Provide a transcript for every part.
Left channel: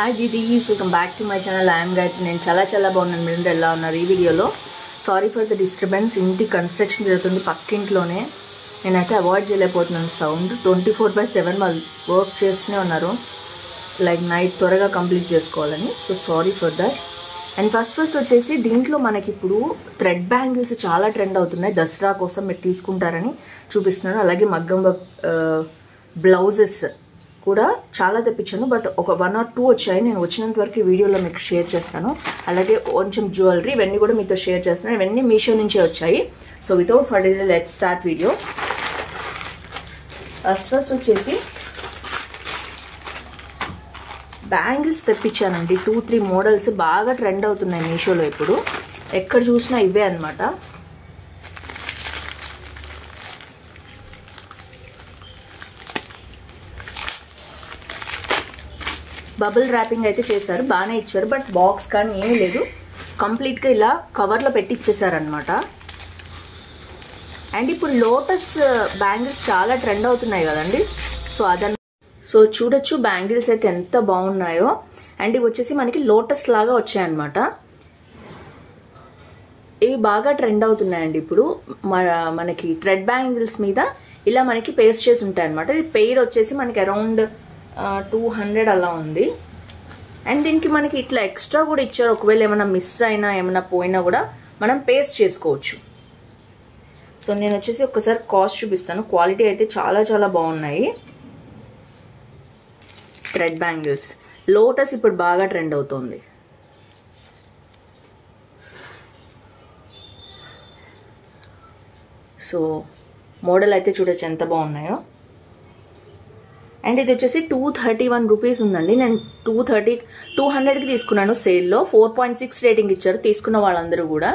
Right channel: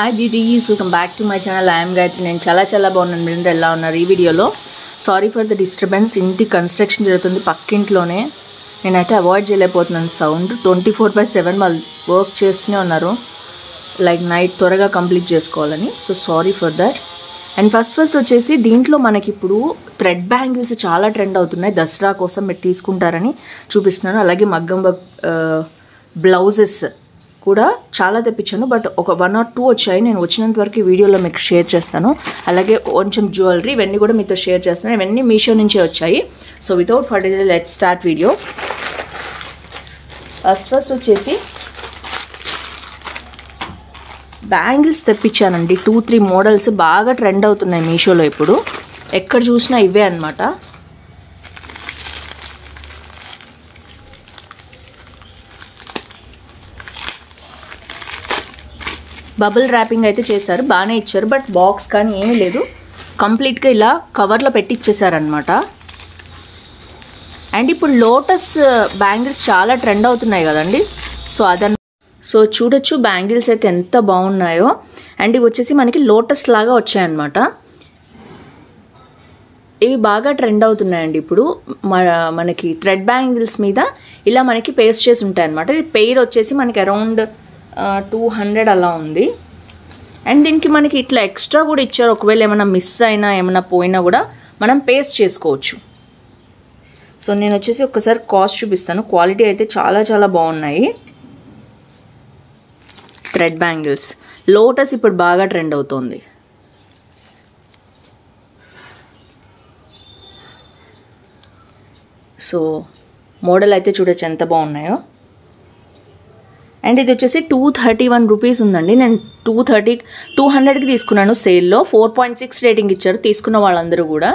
Hi DDs, welcome back to my channel. I am Gayatri. నేను చాలా బాగున్నాను. మీరు ఎలా ఉన్నారు? ఈ వీడియోలో సారీ ఫర్ ద డిస్టర్బెన్స్, ఇంటి కన్స్ట్రక్షన్ జరుగుతుంది పక్కింట్లోనే. నేనైతే అవాయిడ్ చేయలేకపోతున్నాను సౌండ్. 24/7 వాళ్ళు వర్క్ చేస్తూనే ఉన్నారు, లైక్ నైట్ త్వరగా కంప్లీట్ చేసుకోవాలని. So sorry for that. And first వచ్చేసి దీంట్లో మనకి ఇప్పుడు థ్రెడ్ బ్యాంగిల్స్ చాలా ట్రెండ్ అవుతున్నాయి. దసరా కోసం మీరు తీసుకుంటారని చూపిస్తున్నాను. అలాగే మగ్గం బ్లౌజెస్ కూడా చాలా తెప్పించాను, బట్ ఒక 1 or 2 వచ్చాయి. నేను వచ్చినంత వరకు ఈ వీడియోలో మీకు షేర్ చేస్తాను. అలాగే కొంచెం జ్యువెలరీ ఇవన్నీ కూడా మీతో షేర్ చేస్తాను. ఇవన్నీ మీషో నుంచే వచ్చాయి. So without further let's start video. First వచ్చేసి బ్యాంగిల్స్ తెప్పించానండి. 2-3 మోడల్స్ బాగా ట్రెండ్ అవుతున్నాయి మీషోలో ఇప్పుడు. ఎక్కడ చూసినా ఇవే అన్నమాట. బబుల్ ర్యాపింగ్ అయితే చేశారు, బాగానే ఇచ్చారు, బట్ బాక్స్ కానీ ఏమీ లేదు. కంప్లీట్గా ఇలా కవర్లో పెట్టి ఇచ్చేసారనమాట. అండ్ ఇప్పుడు లోటస్ బ్యాంగిల్స్ చాలా ట్రెండ్ అవుతున్నాయి కదండి. సో చూడొచ్చు బ్యాంగిల్స్ అయితే ఎంత బాగున్నాయో. అండ్ ఇవి వచ్చేసి మనకి లోటస్ లాగా వచ్చాయన్నమాట. ఇవి బాగా ట్రెండ్ అవుతున్నాయండి ఇప్పుడు. మనకి థ్రెడ్ బ్యాంగిల్స్ మీద ఇలా మనకి పేస్ట్ చేసి ఉంటాయి అన్నమాట. ఇది పెయిర్ వచ్చేసి మనకి అరౌండ్ 200 అలా ఉంది. అండ్ దీనికి మనకి ఇట్లా ఎక్స్ట్రా కూడా ఇచ్చారు. ఒకవేళ ఏమైనా మిస్ అయినా ఏమైనా పోయినా కూడా మనం పేస్ట్ చేసుకోవచ్చు. సో నేను వచ్చేసి ఒక్కసారి కాస్ట్ చూపిస్తాను. క్వాలిటీ అయితే చాలా బాగున్నాయి. థ్రెడ్ బ్యాంగిల్స్ లోటస్ ఇప్పుడు బాగా ట్రెండ్ అవుతుంది. సో మోడల్ అయితే చూడొచ్చు ఎంత బాగున్నాయో. అండ్ ఇది వచ్చేసి 231 రూపీస్ ఉందండి. నేను 200కి తీసుకున్నాను సేల్లో. 4.6 రేటింగ్ ఇచ్చారు తీసుకున్న వాళ్ళందరూ కూడా.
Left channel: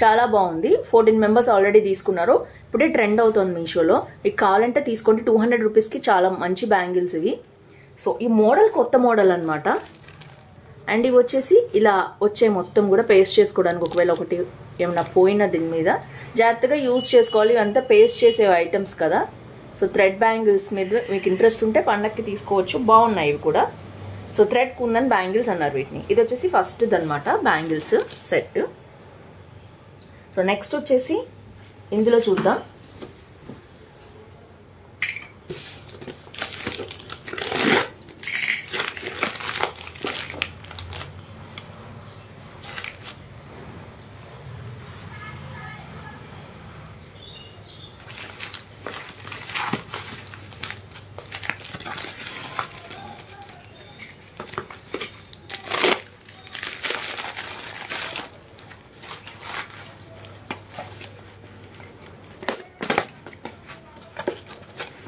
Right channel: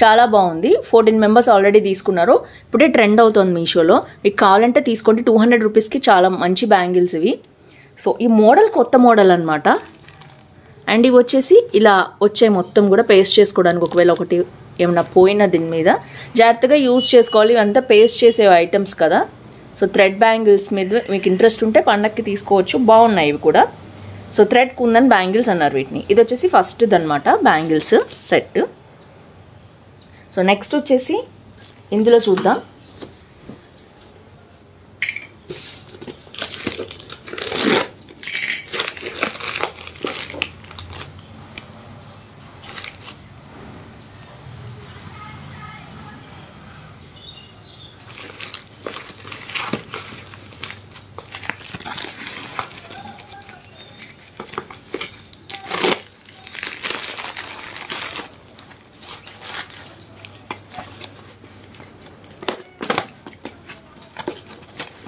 చాలా బాగుంది. 14 మెంబర్స్ ఆల్రెడీ తీసుకున్నారు. ఇప్పుడే ట్రెండ్ అవుతుంది మీషోలో. మీకు కావాలంటే తీసుకోండి. 200 రూపీస్కి చాలా మంచి బ్యాంగిల్స్ ఇవి. సో ఈ మోడల్ కొత్త మోడల్ అనమాట. అండ్ ఇవి వచ్చేసి ఇలా వచ్చాయి మొత్తం కూడా పేస్ట్ చేసుకోవడానికి. ఒకవేళ ఒకటి ఏమైనా పోయినా దీని మీద జాగ్రత్తగా యూజ్ చేసుకోవాలి. అంతా పేస్ట్ చేసే ఐటమ్స్ కదా. సో థ్రెడ్ బ్యాంగిల్స్ మీద మీకు ఇంట్రెస్ట్ ఉంటే పండక్కి తీసుకోవచ్చు. బాగున్నాయి ఇవి కూడా. సో థ్రెడ్ కుందన్ బ్యాంగిల్స్ అన్నారు వీటిని. ఇది వచ్చేసి ఫస్ట్ది అనమాట బ్యాంగిల్స్ సెట్. సో నెక్స్ట్ వచ్చేసి ఇందులో చూద్దాం.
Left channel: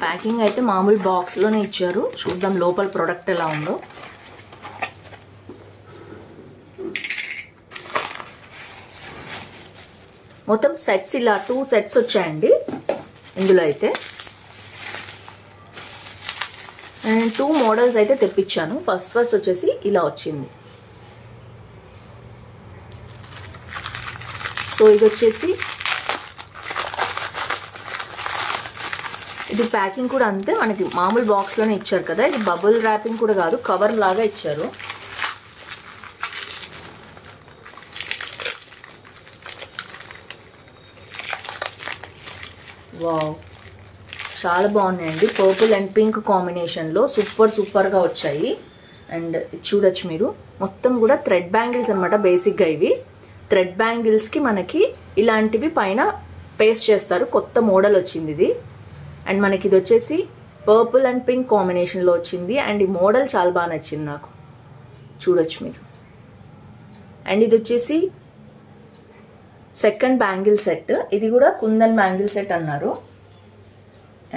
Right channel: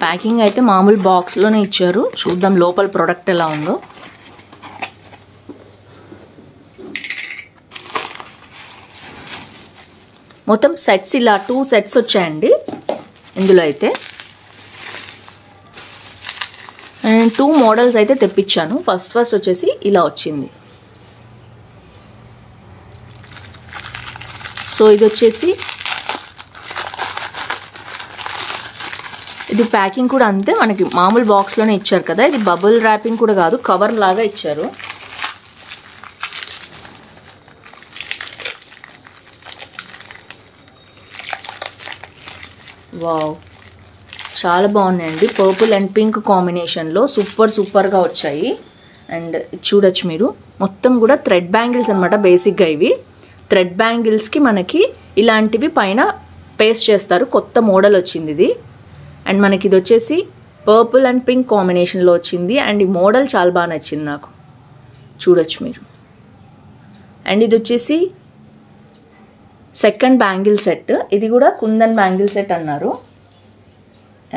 ప్యాకింగ్ అయితే మామూలు బాక్స్లోనే ఇచ్చారు. చూద్దాం లోపల ప్రోడక్ట్ ఎలా ఉందో. మొత్తం సెట్స్ ఇలా 2 సెట్స్ వచ్చాయండి ఇందులో అయితే. అండ్ 2 మోడల్స్ అయితే తెప్పించాను. ఫస్ట్ వచ్చేసి ఇలా వచ్చింది. సో ఇది వచ్చేసి ఇది ప్యాకింగ్ కూడా అంతే, మనకి మామూలు బాక్స్లోనే ఇచ్చారు కదా. ఇది బబుల్ ర్యాపింగ్ కూడా కాదు, కవర్ లాగా ఇచ్చారు. వావ్, చాలా బాగున్నాయండి. పర్పుల్ అండ్ పింక్ కాంబినేషన్లో సూపర్గా వచ్చాయి. అండ్ చూడొచ్చు మీరు మొత్తం కూడా థ్రెడ్ బ్యాంగిల్స్ అనమాట. బేసిక్గా ఇవి థ్రెడ్ బ్యాంగిల్స్కి మనకి ఇలాంటివి పైన పేస్ట్ చేస్తారు. కొత్త మోడల్ వచ్చింది ఇది. అండ్ మనకి ఇది వచ్చేసి పర్పుల్ అండ్ పింక్ కాంబినేషన్లో వచ్చింది. అండ్ ఈ మోడల్ చాలా బాగా నచ్చింది నాకు. చూడొచ్చు మీరు. అండ్ ఇది వచ్చేసి సెకండ్ బ్యాంగిల్ సెట్. ఇది కూడా కుందన్ బ్యాంగిల్ సెట్ అన్నారు.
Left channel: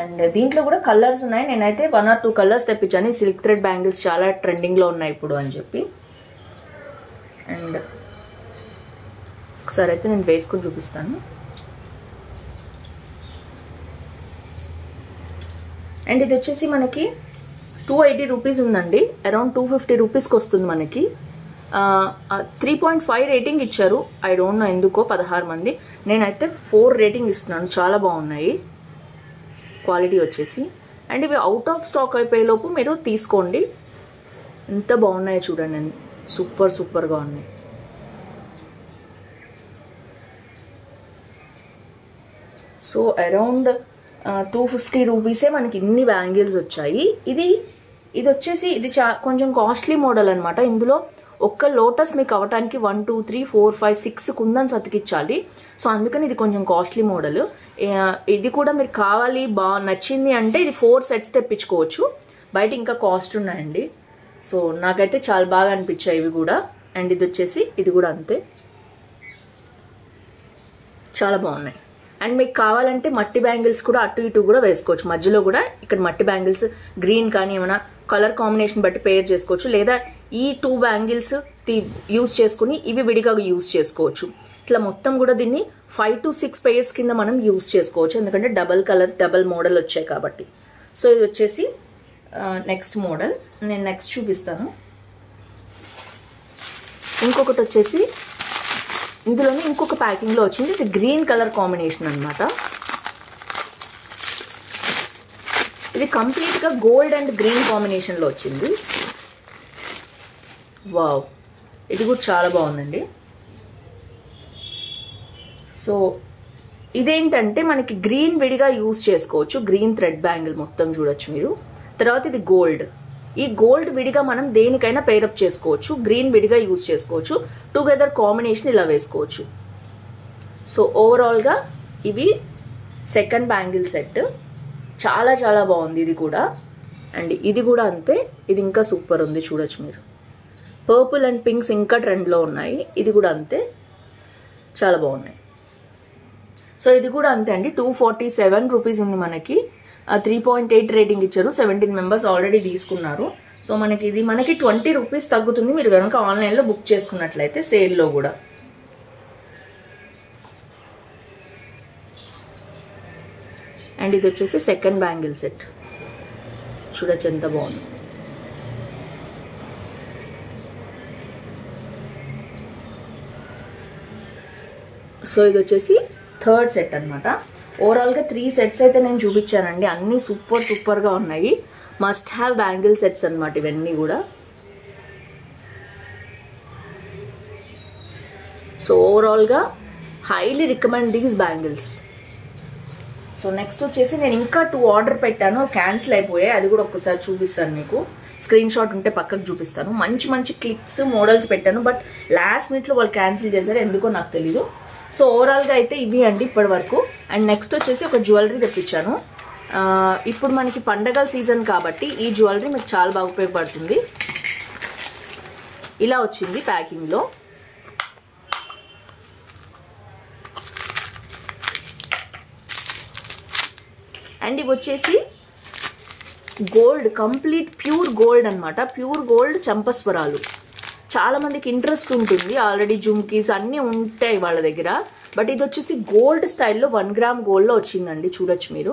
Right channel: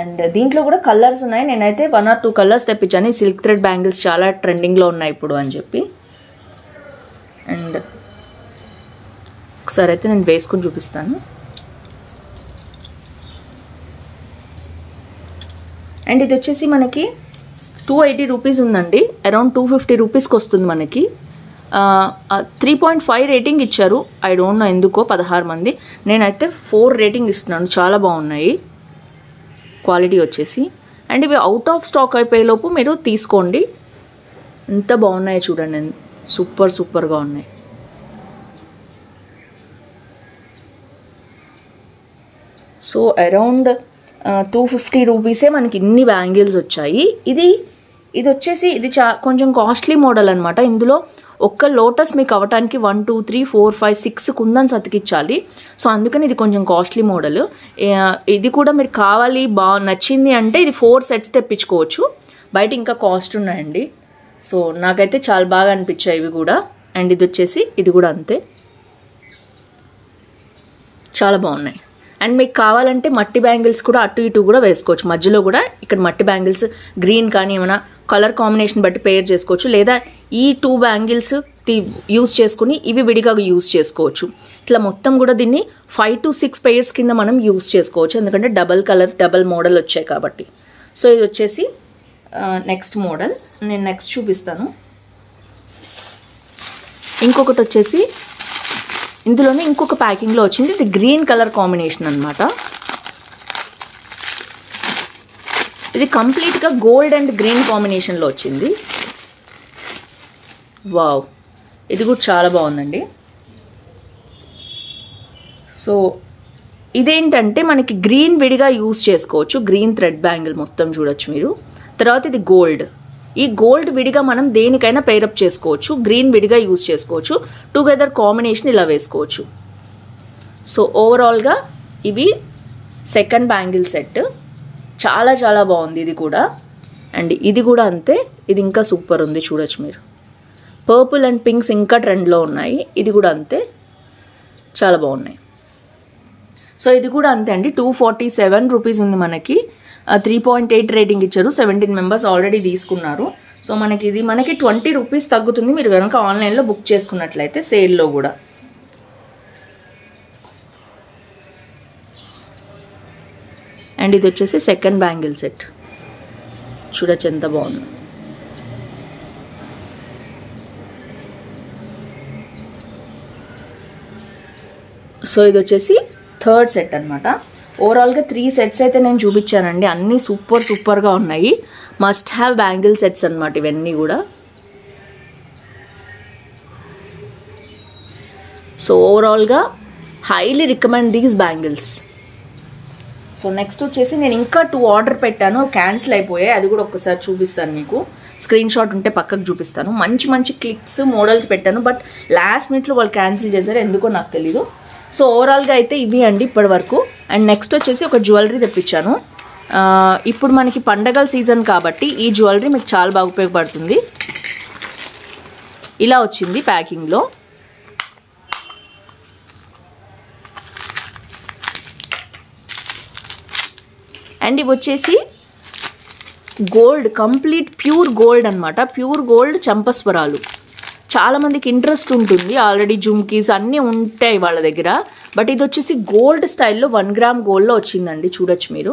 అండ్ దీంట్లో కూడా కలర్స్ ఉన్నాయి. నేనైతే 1 or 2 కలర్స్ తెప్పించాను. సిల్క్ థ్రెడ్ బ్యాంగిల్స్ చాలా ట్రెండింగ్లో ఉన్నాయి ఇప్పుడు అని చెప్పి. అండ్ ఒకసారి అయితే నేను వేసుకుని చూపిస్తాను. అండ్ ఇది వచ్చేసి మనకి 280 రూపీస్ ఉందండి. అరౌండ్ 250 రూపీస్కి వస్తుంది మనకి. 3.5 రేటింగ్ ఇచ్చారు. ఐ డోంట్ నో ఎందుకో. 16 మంది. నేనైతే 4 రేటింగ్ ఇస్తున్నాను. చాలా బాగున్నాయి క్వాలిటీ వచ్చేసి. అండ్ ఇవి అవుట్ ఆఫ్ స్టాక్ అయిపోయేలోపు మీరు తీసుకోండి. ఎంత బాగున్నాయో చూడండి, సూపర్గా ఉన్నాయి. సో అరౌండ్ 250 రూపీసే మనకి ఇన్ని బ్యాంగిల్స్ వచ్చాయి. ఇది వచ్చేసి ఇది కొంచెం కాస్ట్లీ మోడల్ అనమాట. ఇందులో ఒక్క లోటస్ మీకు అవ్వటానికి 1 2 3 4 5 6 కుందన్స్ అతికించాలి. సో అందుకని ఇది కొంచెం కాస్ట్లీ మోడల్. ఇది కూడా మీరు కావాలి నచ్చింది అంటే ఇది 4 సెట్స్ తెప్పించుకోవచ్చు. బయట ఇంకా కాస్ట్ ఉన్నాయండి. సో నాకైతే చాలా బాగా అనిపించాయి ఇవి కూడా. అండ్ ఇది వచ్చేసి ఇది కూడా అంతే, చాలా బాగున్నాయి. అండ్ మీకు కావాలంటే మట్టి బ్యాంగిల్స్ కూడా అటు ఇటు కూడా వేసుకోవచ్చు. మధ్యలో కూడా ఇక్కడ మట్టి బ్యాంగిల్స్ గ్రీన్ కానీ ఏమైనా కలర్ కాంబినేషన్ బట్టి పేర్ చేసుకోవచ్చు. లేదా ఈ 2 బ్యాంగిల్స్ యూజ్ చేసుకుని ఇవి విడిగా యూజ్ చేసుకోవచ్చు. ఇట్లా మొత్తం కూడా దీన్ని 5 to 6 పెయిర్స్ కింద మనం యూజ్ చేసుకోవచ్చు. ఎందుకంటే డబల్ కలర్ డబల్ మోడల్ వచ్చాయి కాబట్టి. సో ఇది వచ్చేసి నెక్స్ట్ మోడల్, నేను నెక్స్ట్ చూపిస్తాను. ఇంకొకటి వచ్చేసి ఇందులోనే ఇంకొక ప్యాకింగ్లో వచ్చింది. ఇది గ్రీన్ కలర్ కాంబినేషన్ అనమాట. ఇది కంప్లీట్గా గోల్డ్ అండ్ గ్రీన్ కాంబినేషన్లో వచ్చింది. వావ్, ఇది కూడా చాలా బాగుందండి. సో ఇదేంటంటే మనకి గ్రీన్ విడిగా యూజ్ చేసుకోవచ్చు. గ్రీన్ థ్రెడ్ బ్యాంగిల్ మొత్తం చూడొచ్చు మీరు. తర్వాత ఇది గోల్డ్. ఈ గోల్డ్ విడిగా మనం దేనికైనా పేరప్ చేసుకోవచ్చు. గ్రీన్ విడిగా యూజ్ చేసుకోవచ్చు. టుగెదర్ కాంబినేషన్ ఇలా వేసుకోవచ్చు. సో ఓవరాల్గా ఇవి సెకండ్ బ్యాంగిల్ సెట్. చాలా బాగుంది ఇది కూడా. అండ్ ఇది కూడా అంతే, ఇది ఇంకా సూపర్ ఉంది చూడొచ్చు మీరు. పర్పుల్ అండ్ పింక్స్ ఇంకా ట్రెండ్లో ఉన్నాయి. ఇది కూడా అంతే, చాలా బాగున్నాయి. సో ఇది కూడా అంతే అండి. 247 రూపీస్ ఉంది మనకి. 3.8 రేటింగ్ ఇచ్చారు. 17 మెంబర్స్ ఆల్రెడీ తీసుకున్నారు. సో మనకి 20 రూపీస్ తగ్గుతుంది మీరు కనుక ఆన్లైన్లో బుక్ చేసుకున్నట్లయితే, సేల్లో కూడా. అండ్ ఇది వచ్చేసి సెకండ్ బ్యాంగిల్ సెట్. చూడొచ్చు ఎంత బాగుంది. సో ఇది వచ్చేసి థర్డ్ సెట్ అనమాట. ఓవరాల్గా 3 సెట్స్ అయితే నేను చూపించానండి. అన్నీ సూపర్గా ఉన్నాయి. మస్ట్ హ్యావ్ బ్యాంగిల్ సెట్స్ అనమాట ఇవన్నీ కూడా. సో ఓవరాల్గా highly recommend these bangles. So next వచ్చేసి నేను ఇంకా 2 ఆర్డర్ పెట్టాను, క్యాన్సిల్ అయిపోయాయి. అది కూడా ఒక్కసారి చూపిస్తాను మీకు. స్క్రీన్ షాట్ ఉంటే పక్కకు చూపిస్తాను. మంచి క్లిప్స్ మోడల్స్ పెట్టాను. బట్ లాస్ట్ మినిట్లో వాళ్ళు క్యాన్సిల్ చేశారు, ఎందుకో నాకు తెలీదు. సో ఓవరాల్గా అయితే ఇవి అండి ఇప్పటి వరకు. అండ్ నెక్స్ట్ వచ్చేసి ఒక జ్యువెలరీ తెప్పించాను. ఇప్పుడు మనకి పండగల సీజన్ కాబట్టి ఈ జ్యువెలరీ మీకు చాలా బాగా ఉపయోగపడుతుంది. ఇలా వచ్చింది ప్యాకింగ్లో. అండ్ ఇవి వచ్చేసి గోల్డ్, కంప్లీట్ ప్యూర్ గోల్డ్ అనమాట. ప్యూర్ గోల్డ్ చంపస్వరాలు. చాలామందికి ఇంట్రెస్ట్ ఉంటుంది, ఆల్రెడీ జుమ్కీస్ అన్నీ ఉంటాయి వాళ్ళ దగ్గర. బట్ ఇది వచ్చేసి గోల్డ్ స్టైల్లో 1 గ్రామ్ గోల్డ్లో వచ్చిందండి. చూడొచ్చు మీరు.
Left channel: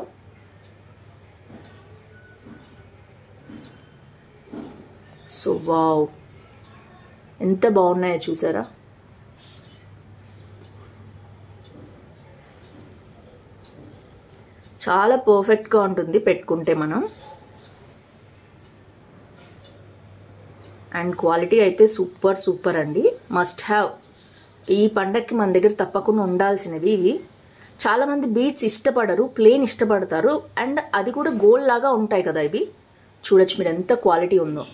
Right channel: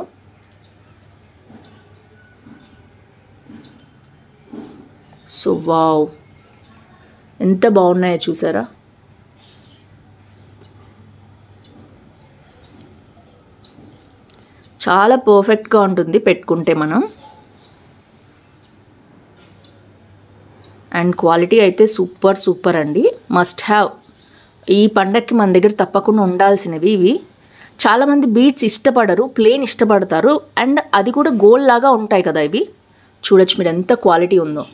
సో వావ్, ఎంత బాగున్నాయో చూసారా. చాలా పర్ఫెక్ట్గా ఉంటుంది పెట్టుకుంటే మనం. అండ్ క్వాలిటీ అయితే సూపర్ అండి. Must have. ఈ పండగకి మన దగ్గర తప్పకుండా ఉండాల్సినవి ఇవి. చాలామంది బీడ్స్ ఇష్టపడరు, ప్లేన్ ఇష్టపడతారు. అండ్ అది కూడా గోల్డ్ లాగా ఉంటాయి కదా ఇవి. చూడొచ్చు మీరు ఎంత క్వాలిటీ ఉందో.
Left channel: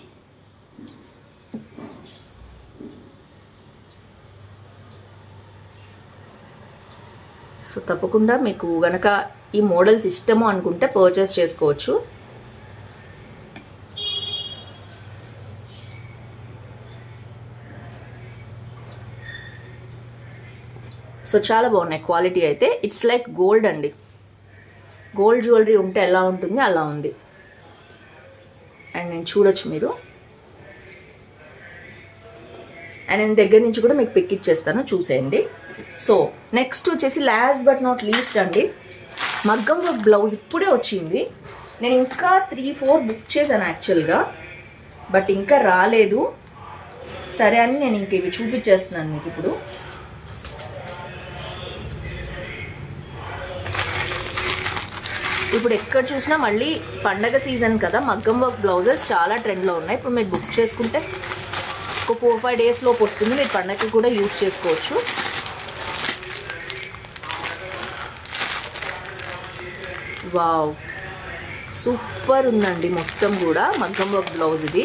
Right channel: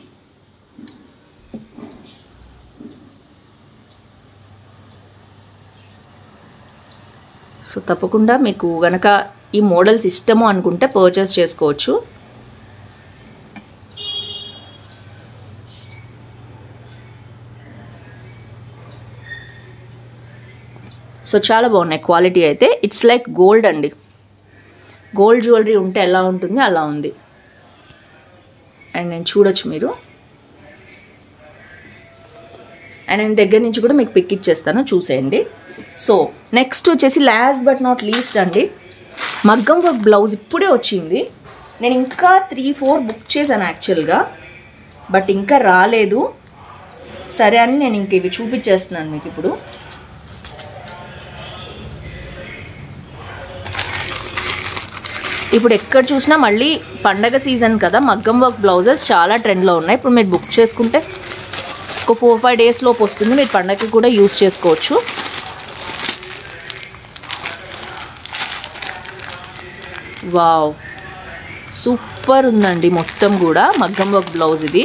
సో తప్పకుండా మీకు గనక ఈ మోడల్స్ ఇష్టము అనుకుంటే పర్చేస్ చేసుకోవచ్చు. సో చాలా బాగున్నాయి క్వాలిటీ అయితే. ఇట్స్ లైక్ గోల్డ్ అండి. గోల్డ్ జ్యువెలరీ ఉంటే ఎలా ఉంటుంది అలా ఉంది. అండ్ నేను చూడొచ్చు మీరు. అండ్ నేను దగ్గర నుంచి కూడా మీకు పిక్ ఇచ్చేస్తాను, చూసేయండి. సో నెక్స్ట్ వచ్చేసి లాస్ట్ బట్ నాట్ లీస్ట్ అండి, మగ్గం వర్క్ బ్లౌజ్ ఇప్పుడే వచ్చింది. నేను ఇంకా 3-4 బుక్ చేశాను యాక్చువల్గా, బట్ ఇంకా రాలేదు. సరే అని నేను ఇంక ఇవి చూపించేస్తున్నాను మీకు ఇప్పుడు. ఇప్పుడు ఎక్కడ చూసినా మళ్ళీ పండగ సీజన్ కదా, మగ్గం వర్క్ బ్లౌజెస్ చాలా ట్రెండ్లో ఉన్నాయి. ఇప్పుడు మీరు బుక్ చేసుకుంటే ఒక 4-5 డేస్ లోపు వస్తుంది. మీరు పండగకి కూడా యూస్ చేసుకోవచ్చు. వావ్, సూపర్ ఉందండి. మొత్తం కూడా మగ్గం వర్క్ బ్లౌజ్ ఇది.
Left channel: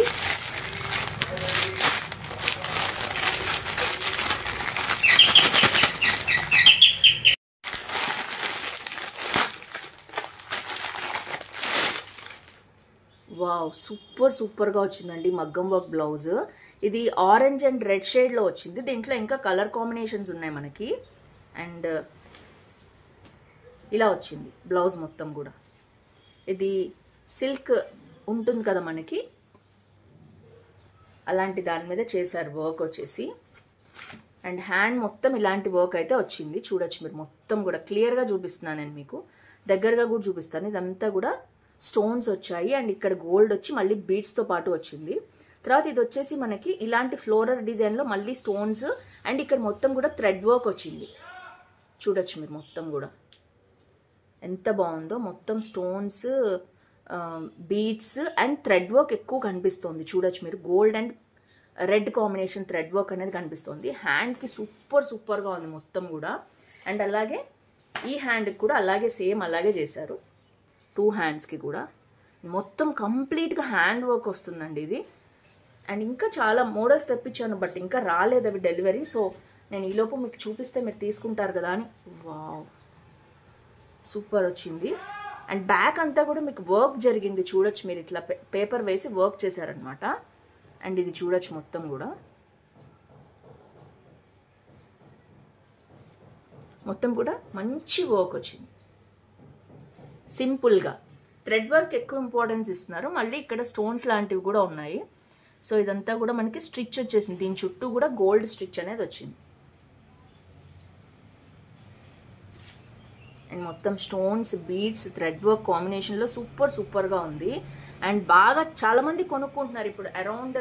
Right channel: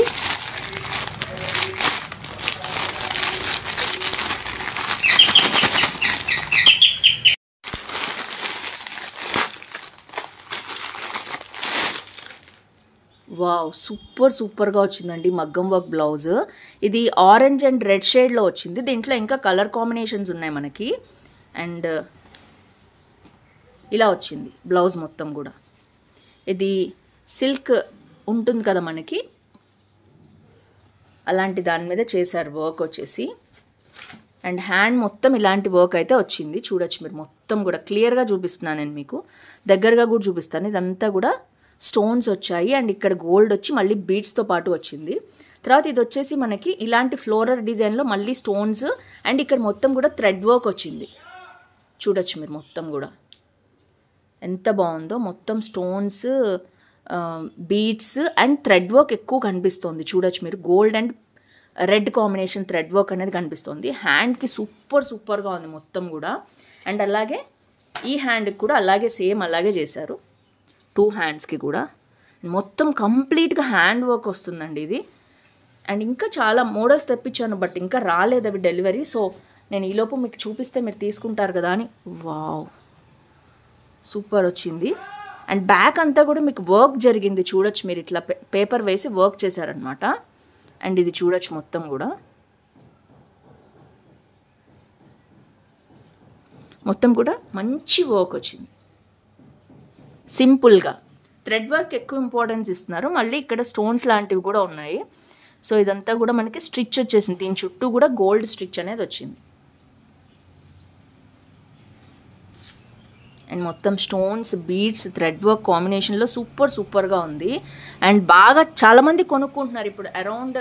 వావ్, సూపర్గా వచ్చిందండి మగ్గం వర్క్ బ్లౌజ్. ఇది ఆరెంజ్ అండ్ రెడ్ షేడ్లో వచ్చింది. దీంట్లో ఇంకా కలర్ కాంబినేషన్స్ ఉన్నాయి మనకి. అండ్ ఇలా వచ్చింది బ్లౌజ్ మొత్తం కూడా. ఇది సిల్క్ ఉంటుంది కదా మనకి, అలాంటి దాని మీద చేశారు వర్క్ వచ్చేసి. అండ్ హ్యాండ్ మొత్తం ఇలాంటి వర్క్ అయితే వచ్చింది. చూడొచ్చు మీరు, మొత్తం కూడా క్లియర్గా చూపిస్తున్నాను నేను మీకు, దగ్గరగా కూడా చూపిస్తాను. ఇదంతా కూడా స్టోన్స్ వచ్చాయి అండ్ ఇక్కడ గోల్డ్ వచ్చి మళ్ళీ బీడ్స్తో పాటు వచ్చింది. తర్వాత ఇది వచ్చేసి మనకి ఇలాంటి ఫ్లోరల్ డిజైన్లో మళ్ళీ స్టోన్స్ అండ్ ఇక్కడ మొత్తం కూడా థ్రెడ్ వర్క్ వచ్చింది. చూడొచ్చు మీరు మొత్తం కూడా ఎంత బాగుందో. మొత్తం stones, beads and thread work ఎక్కువ కనిపిస్తుంది. చూడొచ్చు మీరు, gold and red combination thread work అనేది కనిపిస్తుంది. హ్యాండ్కి సూపర్గా ఉంది మొత్తం కూడా. అండ్ అలాగే ఈ హ్యాండ్కి కూడా అలాగే సేమ్ అలాగే చేశారు. 2 హ్యాండ్స్కి కూడా మొత్తం కంప్లీట్గా హ్యాండ్ వర్క్ వస్తుందండి ఇది. అండ్ ఇంకా చాలా మోడల్స్ తెప్పించాను, బట్ ఇంకా రాలేదు అవి డెలివరీ. సో నేను ఈలోపు మీకు చూపిస్తే మీరు తీసుకుంటారు కదా అని. వావ్, సూపర్ వచ్చింది. అండ్ బ్యాక్ అంతా కూడా మీకు వర్క్ జరిగింది. చూడొచ్చు మీరు, ఇట్లా పేపర్ వేసి వర్క్ చేశారనమాట. అండ్ ఇది చూడొచ్చు మొత్తం కూడా, మొత్తం కూడా మంచి వర్క్ వచ్చింది. సింపుల్గా థ్రెడ్ వర్క్ ఎక్కువ ఇంపార్టెన్స్ ఇస్తున్నారు. మళ్ళీ ఇక్కడ స్టోన్స్ లాంటివి కూడా ఉన్నాయి. సో ఇదంతా కూడా మనకి స్టిచ్ వచ్చేసింది. దీని చుట్టూ కూడా గోల్డ్ స్టిచ్ అనేది వచ్చింది. అండ్ మొత్తం స్టోన్స్, బీడ్స్, థ్రెడ్ వర్క్ కాంబినేషన్లో సూపర్గా ఉంది. అండ్ బాగా చాలామంది కొనుక్కుంటున్నారు ఇప్పుడు. అరౌండ్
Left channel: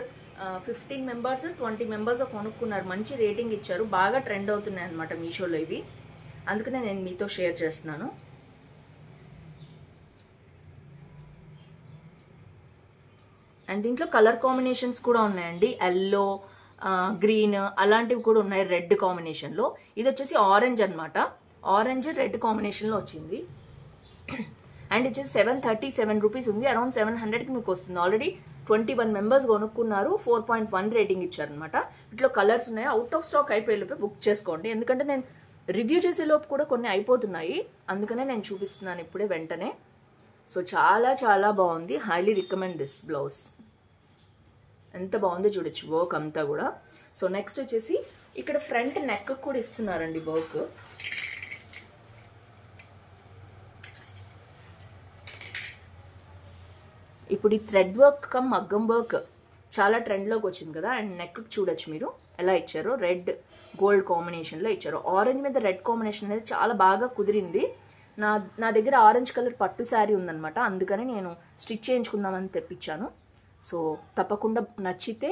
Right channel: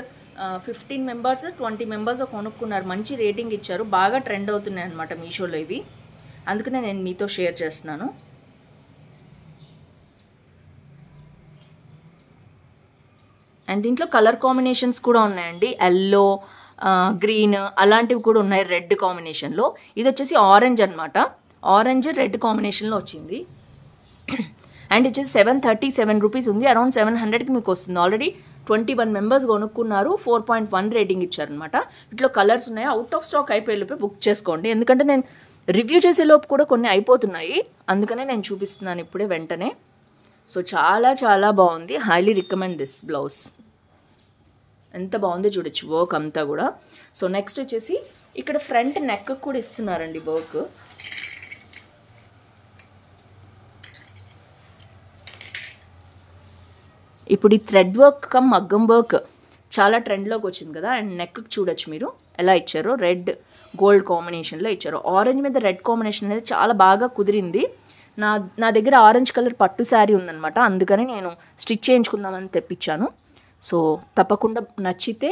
15 మెంబర్స్ 20 మెంబర్స్ కొనుక్కున్నారు. మంచి రేటింగ్ ఇచ్చారు. బాగా ట్రెండ్ అవుతున్నాయి అనమాట మీషోలో ఇవి. అందుకనే నేను మీతో షేర్ చేస్తున్నాను. అండ్ దీంట్లో కలర్ కాంబినేషన్స్ కూడా ఉన్నాయండి. ఎల్లో, గ్రీన్ అలాంటివి కూడా ఉన్నాయి రెడ్ కాంబినేషన్లో. ఇది వచ్చేసి ఆరెంజ్ అనమాట. ఆరెంజ్ రెడ్ కాంబినేషన్లో వచ్చింది. అండ్ వచ్చేసి 737 రూపీస్ ఉంది. అరౌండ్ 700కి మీకు వస్తుంది. ఆల్రెడీ 21 మెంబర్స్ కొనుక్కున్నారు. 4.1 రేటింగ్ ఇచ్చారనమాట. ఇట్లా కలర్స్ ఉన్నాయి. అవుట్ ఆఫ్ స్టాక్ అయిపోయేలోపే బుక్ చేసుకోండి. ఎందుకంటే నేను రివ్యూ చేసేలోపు కూడా కొన్ని అయిపోతున్నాయి. అందుకనే నేను చూపిస్తున్నాను ఇప్పుడే వెంటనే. సో చాలా బాగుంది. Highly recommend this blouse. ఎంత బాగుందో చూడొచ్చు వర్క్ అంతా కూడా. సో నెక్స్ట్ వచ్చేసి ఇక్కడ ఫ్రంట్ నెక్ కూడా ఇస్తున్నారండి వర్క్. ఇప్పుడు ఈ థ్రెడ్ వర్క్ కమ్ మగ్గం వర్క్ చాలా ట్రెండ్లోకి వచ్చింది కదా. అండ్ నెక్ చూడొచ్చు మీరు ఎలా ఇచ్చారో, రెడ్ గోల్డ్ కాంబినేషన్లో ఇచ్చారు. ఆరెంజ్ మీద రెడ్ కాంబినేషన్ అనేది చాలా బాగా కుదిరింది. నా దగ్గర ఆరెంజ్ కలర్ పట్టు శారీ ఉందనమాట. అందుకని నేను స్టిచ్ చేయించుకుందామని తెప్పించాను. సో తప్పకుండా నచ్చితే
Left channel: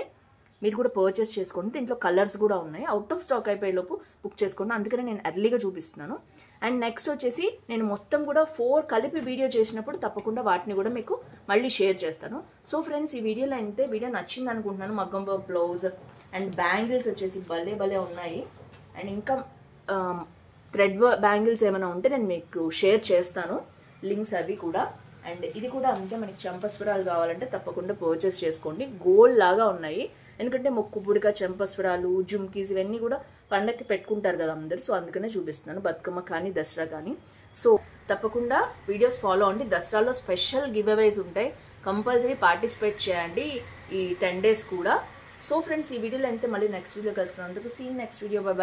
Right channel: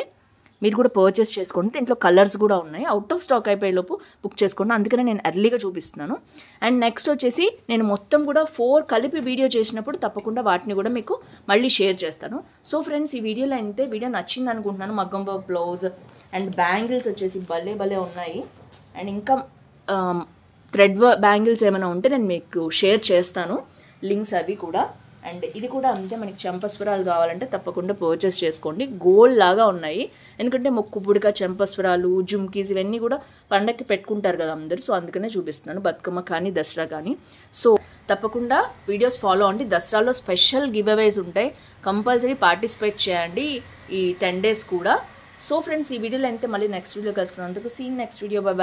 మీరు కూడా పర్చేస్ చేసుకోండి. దీంట్లో కలర్స్ కూడా ఉన్నాయి. అవుట్ ఆఫ్ స్టాక్ అయిపోయేలోపు బుక్ చేసుకోండి. అందుకనే నేను ఎర్లీగా చూపిస్తున్నాను. అండ్ నెక్స్ట్ వచ్చేసి నేను మొత్తం కూడా 4 కలిపి వీడియో చేసినప్పుడు తప్పకుండా వాటిని కూడా మీకు మళ్ళీ షేర్ చేస్తాను. సో ఫ్రెండ్స్, ఈ వీడియోలో అయితే వీడియో నచ్చింది అనుకుంటున్నాను. మగ్గం వర్క్ బ్లౌజ్ అండ్ బ్యాంగిల్స్ వచ్చేసి భలే ఉన్నాయి. అండ్ ఇంకా థ్రెడ్ బ్యాంగిల్స్ ఏమైనా ఉంటే నేను మీకు షేర్ చేస్తాను, లింక్స్ అవి కూడా. అండ్ ఇది కూడా అంతే, మనకి చంపస్వరాలు కావాలంటే తప్పకుండా పర్చేస్ చేసుకోండి. గోల్డ్ లాగా ఉన్నాయి. ఎందుకంటే మొక్కు పుడక, చంపస్వరాలు, జుమ్కీస్ ఇవన్నీ కూడా పండగకి పెట్టుకుంటారు కదా అందరు. సో అందుకనే చూపిస్తున్నాను, బతుకమ్మ కానీ దసరా కానీ. సో తప్పకుండా వీడియోస్ ఫాలో అవ్వండి. దసరాలో స్పెషల్ గివ్ అవేస్ ఉంటాయి. కంపల్సరీ పార్టిసిపేట్ చేయండి ఈ 10 days కూడా. సో ఫ్రెండ్స్, ఈ వీడియోలో అయితే మళ్ళీ నెక్స్ట్ వీడియో కలుసుకున్నందుకు సీన్ నెక్స్ట్ వీడియో. బాయ్.